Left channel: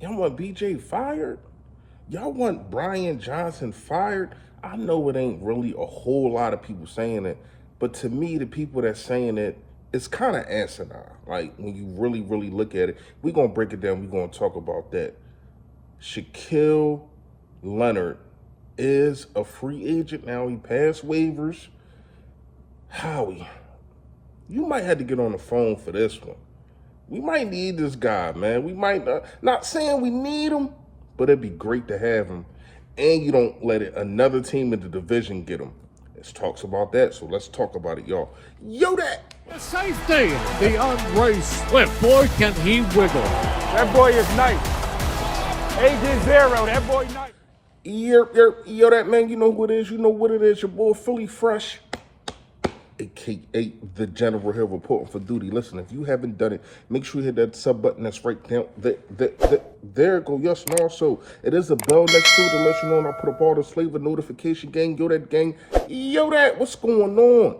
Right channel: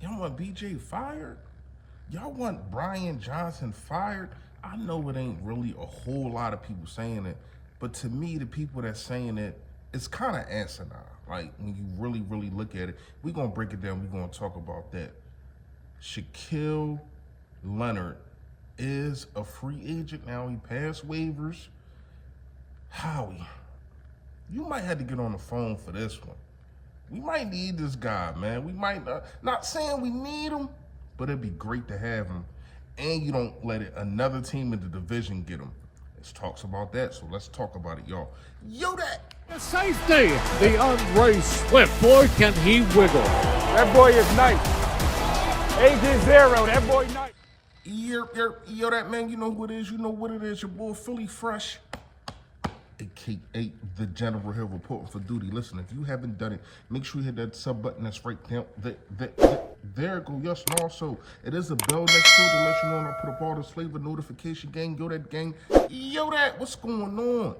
Y'all want BJ fired? Y'all want Brian Johnson fired? I know it ain't really a whole lot of people saying it, but to me, the people that's saying it, it's kind of asinine. Like when you really, really look at it, we're gonna break it down. We're gonna talk about that. Shaquille Leonard is a free agent now. He passed waivers. Howie, you might have to get on the phone for this one. We might need this guy, man. We might not saying we need him, but it'd be great to have him. And you don't let another team in the division get him. There's talks about that, so let's talk about it, y'all. Yo, that. The safety, the Andre Swift. Boy, can he wiggle. That boy is nice. Agent Zero, that boy nice. Yo, that man, you know who it is. You know what it is. Your boy Philly Fresh, aka the General here reporting for duty. Listen, if you haven't done it, make sure you hit that sub button that's right down there it go. Yes, and also it is a bell next to it to let you know when I put up all the flavor notification gang. Yo, that gang. Yo, that. What's going on?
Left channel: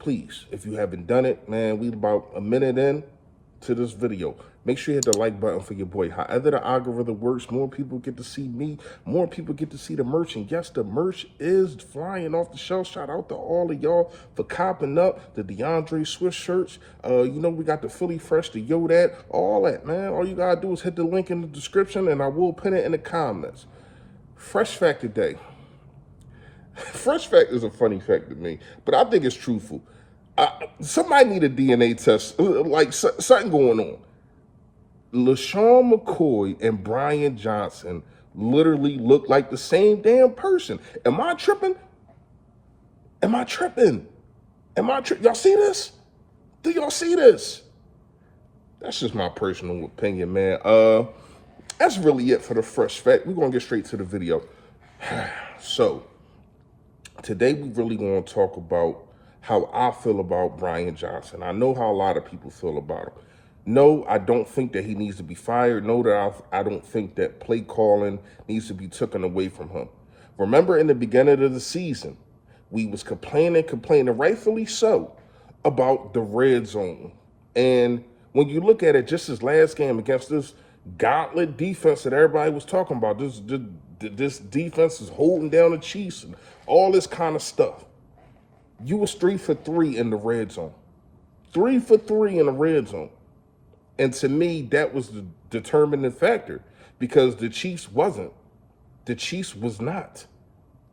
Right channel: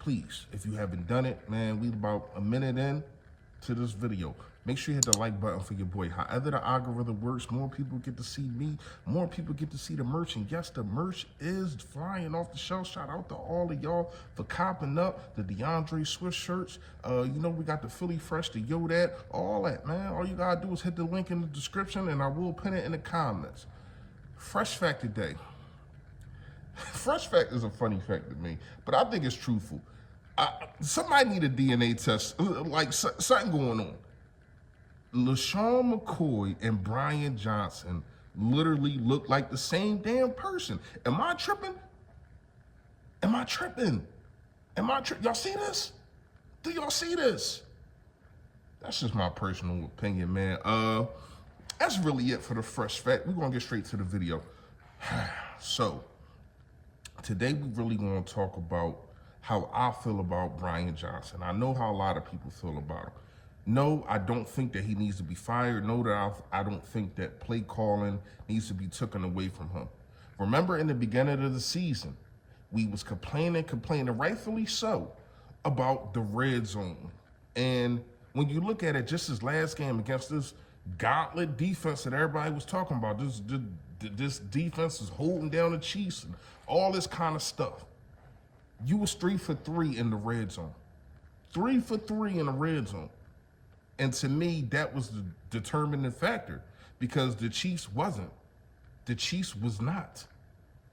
Please, if you haven't done it, man, we about a minute in to this video. Make sure you hit the like button for your boy. However the algorithm works, more people get to see me, more people get to see the merch. And yes, the merch is flying off the shelf. Shout out to all of y'all for copping up the DeAndre Swift shirts. You know, we got the Philly Fresh, the Yo That, all that, man. All you gotta do is hit the link in the description and I will pin it in the comments. Fresh fact today. Fresh fact is a funny fact to me, but I think it's truthful. Somebody need a DNA test, like something going on. LaShawn McCoy and Brian Johnson literally look like the same damn person. Am I tripping? Am I tripping? Y'all see this? Do y'all see this? That's just my personal opinion, man. That's really it for the fresh fact. We're gonna get straight to the video. So, today we really gonna talk about how I feel about Brian Johnson. I know how a lot of people feel about him. No, I don't think that he needs to be fired. No, that I don't think that play calling needs to be taken away from him. Remember in the beginning of the season, we was complaining, rightfully so, about the red zone. And when you look at it, just his last game against this gauntlet defense that everybody was talking about, this defense is holding down the Chiefs and all this kind of stuff. You was 3 for 3 in the red zone. 3 for 3 in the red zone. And to me, that was the determining factor because the Chiefs wasn't. The Chiefs was not.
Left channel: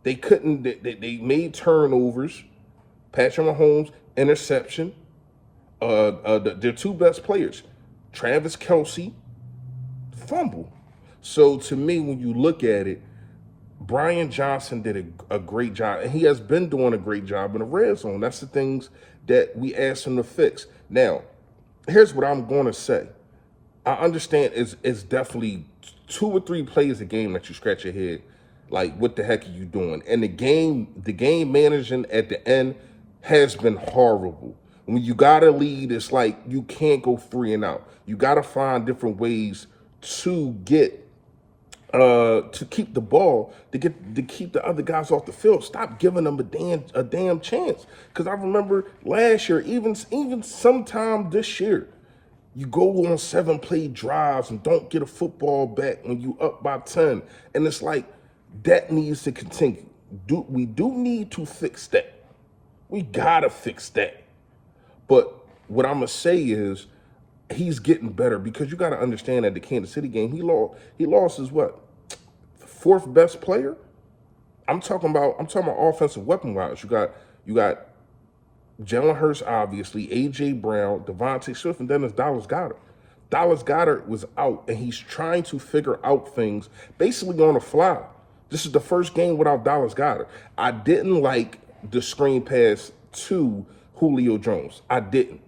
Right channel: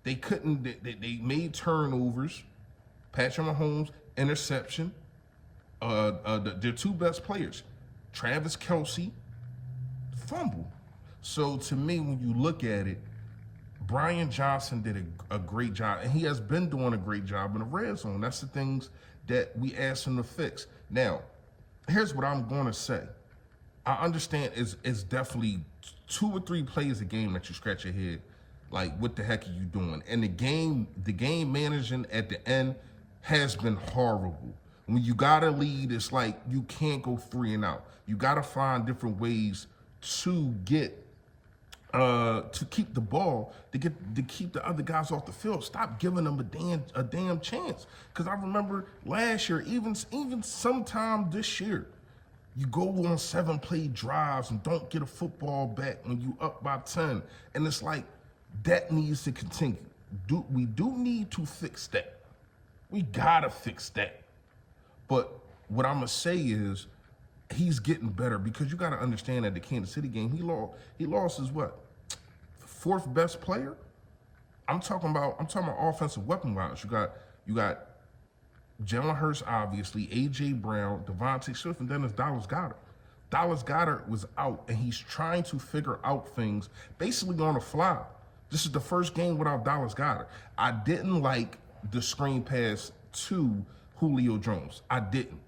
They couldn't, they made turnovers. Patrick Mahomes, interception. Their two best players, Travis Kelce, fumble. So to me, when you look at it, Brian Johnson did a great job, and he has been doing a great job in the red zone. That's the things that we asked him to fix. Now, here's what I'm going to say. I understand it's definitely 2 or 3 plays a game that you scratch your head, like what the heck are you doing? And the game managing at the end has been horrible. When you got to lead, it's like you can't go 3 and out. You got to find different ways to get to keep the ball, to keep the other guys off the field. Stop giving them a damn chance. Because I remember last year, even sometime this year, you go on 7-play drives and don't get a football back when you up by 10. And it's like, that needs to continue. We do need to fix that. We gotta fix that. But what I'm gonna say is, he's getting better because you got to understand that the Kansas City game, he lost his what? 4th best player? I'm talking about offensive weapon wise. You got Jalen Hurts, obviously, AJ Brown, Devontae Swift, and then there's Dallas Goedert. Dallas Goedert was out, and he's trying to figure out things basically on the fly. This is the first game without Dallas Goedert. I didn't like the screen pass to Julio Jones. I didn't.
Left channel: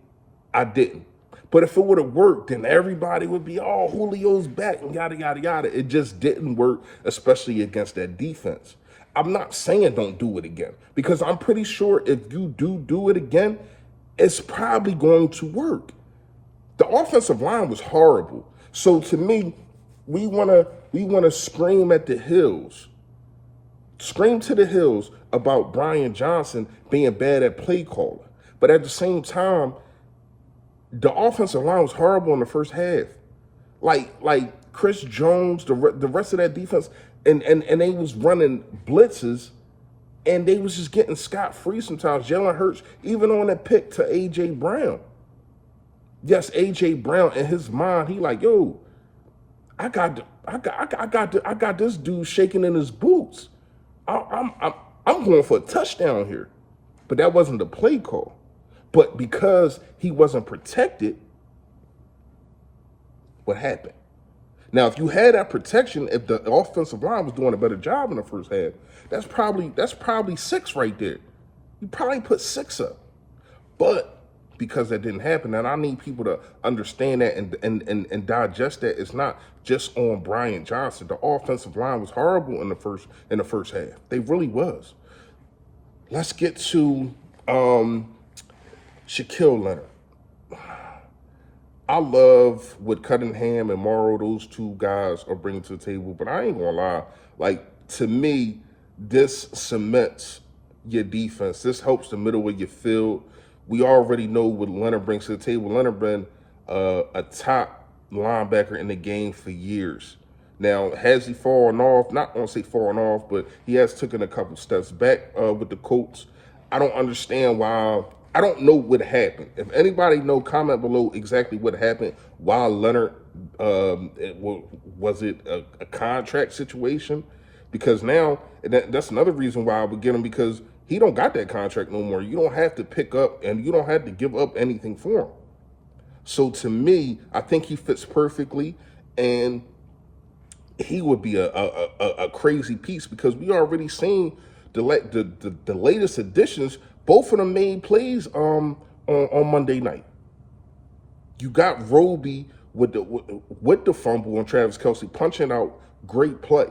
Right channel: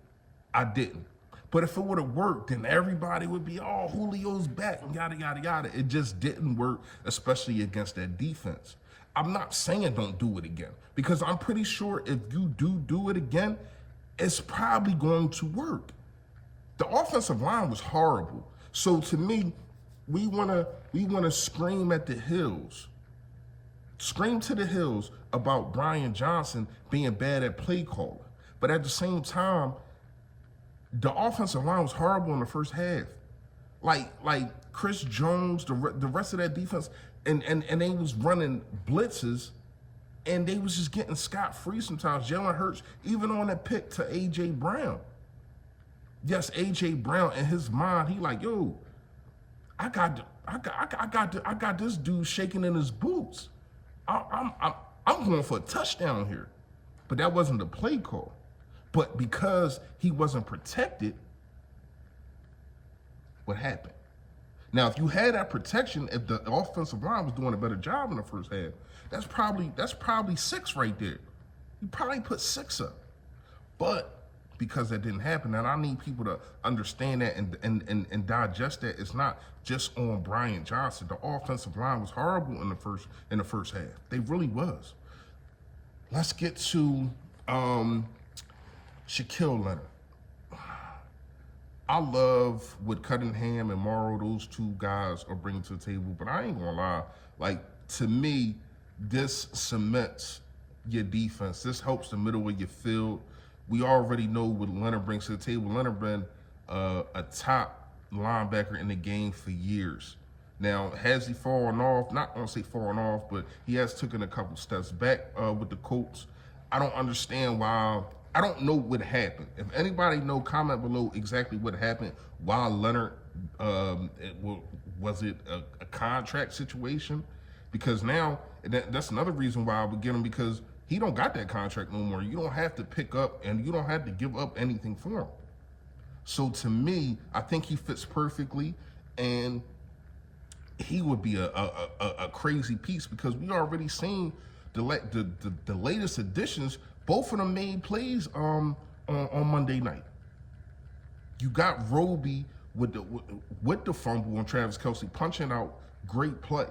But if it would have worked, then everybody would be, oh, Julio's back and yada, yada, yada. It just didn't work, especially against that defense. I'm not saying don't do it again, because I'm pretty sure if you do it again, it's probably going to work. The offensive line was horrible. So to me, we wanna scream at the hills. Scream to the hills about Brian Johnson being bad at play calling. But at the same time, the offensive line was horrible in the first half. like Chris Jones, the rest of that defense, and they was running blitzes, and they was just getting scot-free sometimes. Jalen Hurts, even on that pick to A.J. Brown. Yes, A.J. Brown, in his mind, he like, yo, I got this dude shaking in his boots. I'm going for a touchdown here. But that wasn't the play call. But because he wasn't protected, what happened? Now, if you had that protection, if the offensive line was doing a better job in the first half, that's probably 6 right there. You probably put 6 up. But because that didn't happen, and I need people to understand that and digest that, it's not just on Brian Johnson. The offensive line was horrible in the first half. They really was. Let's get to Shaquille Leonard. I love what Cunningham and Morrow, those two guys, are bringing to the table, but I ain't gonna lie. Like, to me, this cements your defense. This helps the middle of your field. We already know what Leonard brings to the table. Leonard been a top linebacker in the game for years. Now, has he fallen off? Not gonna say fallen off, but he has taken a couple steps back with the Colts. I don't understand why. I don't know what happened. If anybody know, comment below exactly what happened. Why Leonard, was it a contract situation? Because now, that's another reason why I would get him, because he don't got that contract no more. You don't have to pick up and you don't have to give up anything for him. So to me, I think he fits perfectly, and he would be a crazy piece, because we already seen the latest additions. Both of them made plays on Monday night. You got Roby with the fumble on Travis Kelce punching out, great play.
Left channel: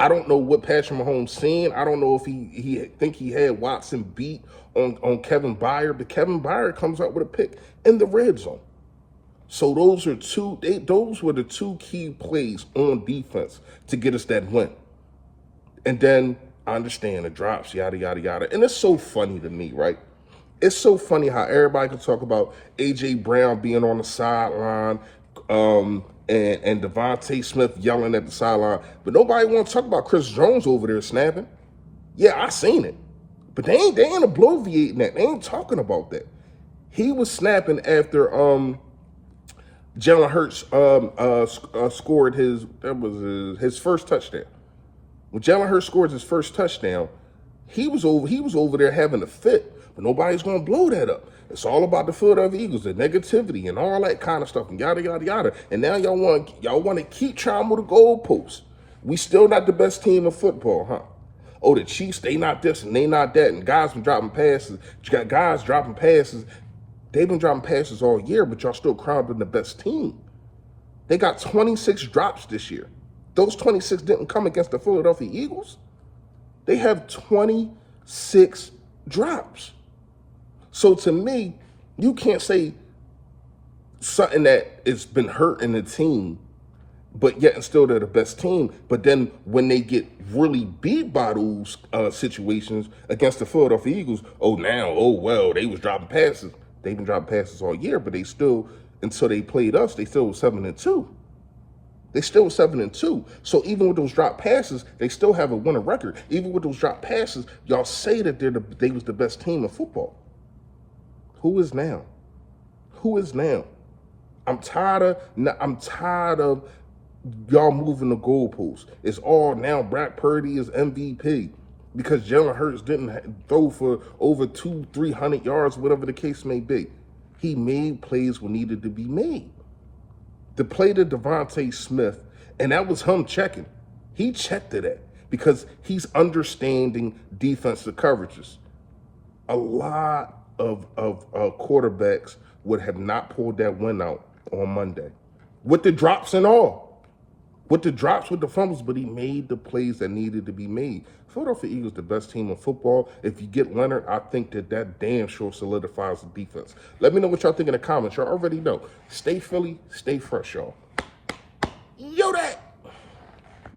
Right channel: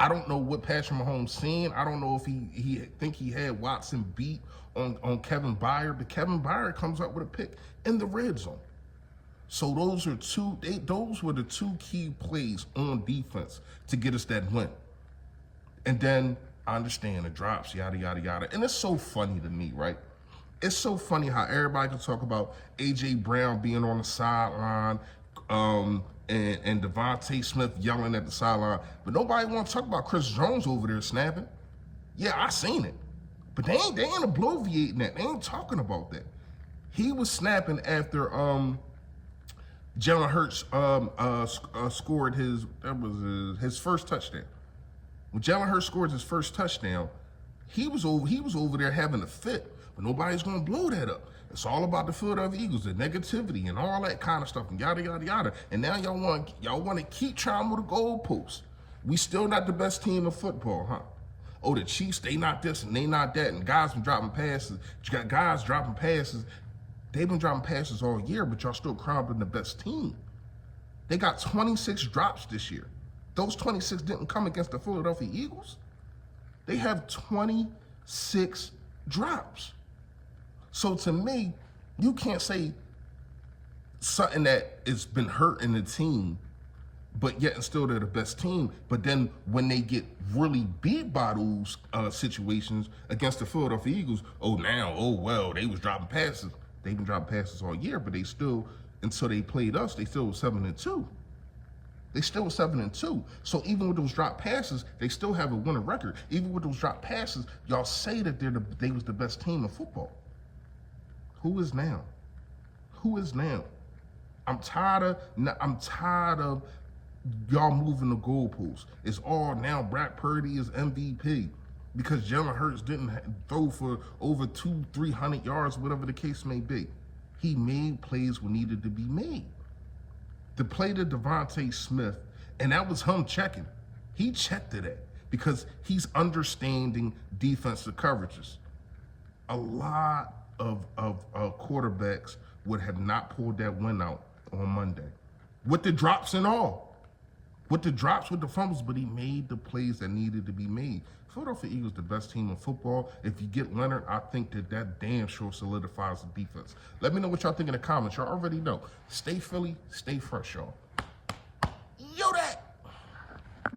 I don't know what Patrick Mahomes seen. I don't know if he think he had Watson beat on Kevin Byard, but Kevin Byard comes out with a pick in the red zone. So those were the two key plays on defense to get us that win. And then I understand the drops, yada, yada, yada. And it's so funny to me, right? It's so funny how everybody can talk about A.J. Brown being on the sideline and Devontae Smith yelling at the sideline, but nobody want to talk about Chris Jones over there snapping. Yeah, I seen it. But they ain't obliviating that. They ain't talking about that. He was snapping after Jalen Hurts scored his first touchdown. When Jalen Hurts scored his first touchdown, he was over there having a fit, but nobody's gonna blow that up. It's all about the Philadelphia Eagles, the negativity and all that kind of stuff, and yada yada yada. And now y'all want to keep trying to move the goalposts. We still not the best team in football, huh? Oh, the Chiefs, they not this and they not that, and guys been dropping passes. You got guys dropping passes. They've been dropping passes all year, but y'all still crowned the best team. They got 26 drops this year. Those 26 didn't come against the Philadelphia Eagles. They have 26 drops. So to me, you can't say something that has been hurting the team, but yet and still they're the best team. But then when they get really beat by those situations against the Philadelphia Eagles, well, they was dropping passes. They've been dropping passes all year, but they still, until they played us, they still was 7-2. They still were 7-2. So even with those drop passes, they still have a winning record. Even with those drop passes, y'all say that they was the best team in football. Who is now? Who is now? I'm tired of y'all moving the goalposts. It's all now Brock Purdy is MVP because Jalen Hurts didn't throw for over 200-300 yards, whatever the case may be. He made plays when needed to be made. The play to Devontae Smith, and that was him checking. He checked to that because he's understanding defensive coverages. A lot of quarterbacks would have not pulled that win out on Monday. With the drops and all. With the drops, with the fumbles, but he made the plays that needed to be made. Philadelphia Eagles, the best team in football. If you get Leonard, I think that damn sure solidifies the defense. Let me know what y'all think in the comments. Y'all already know. Stay Philly, stay fresh, y'all.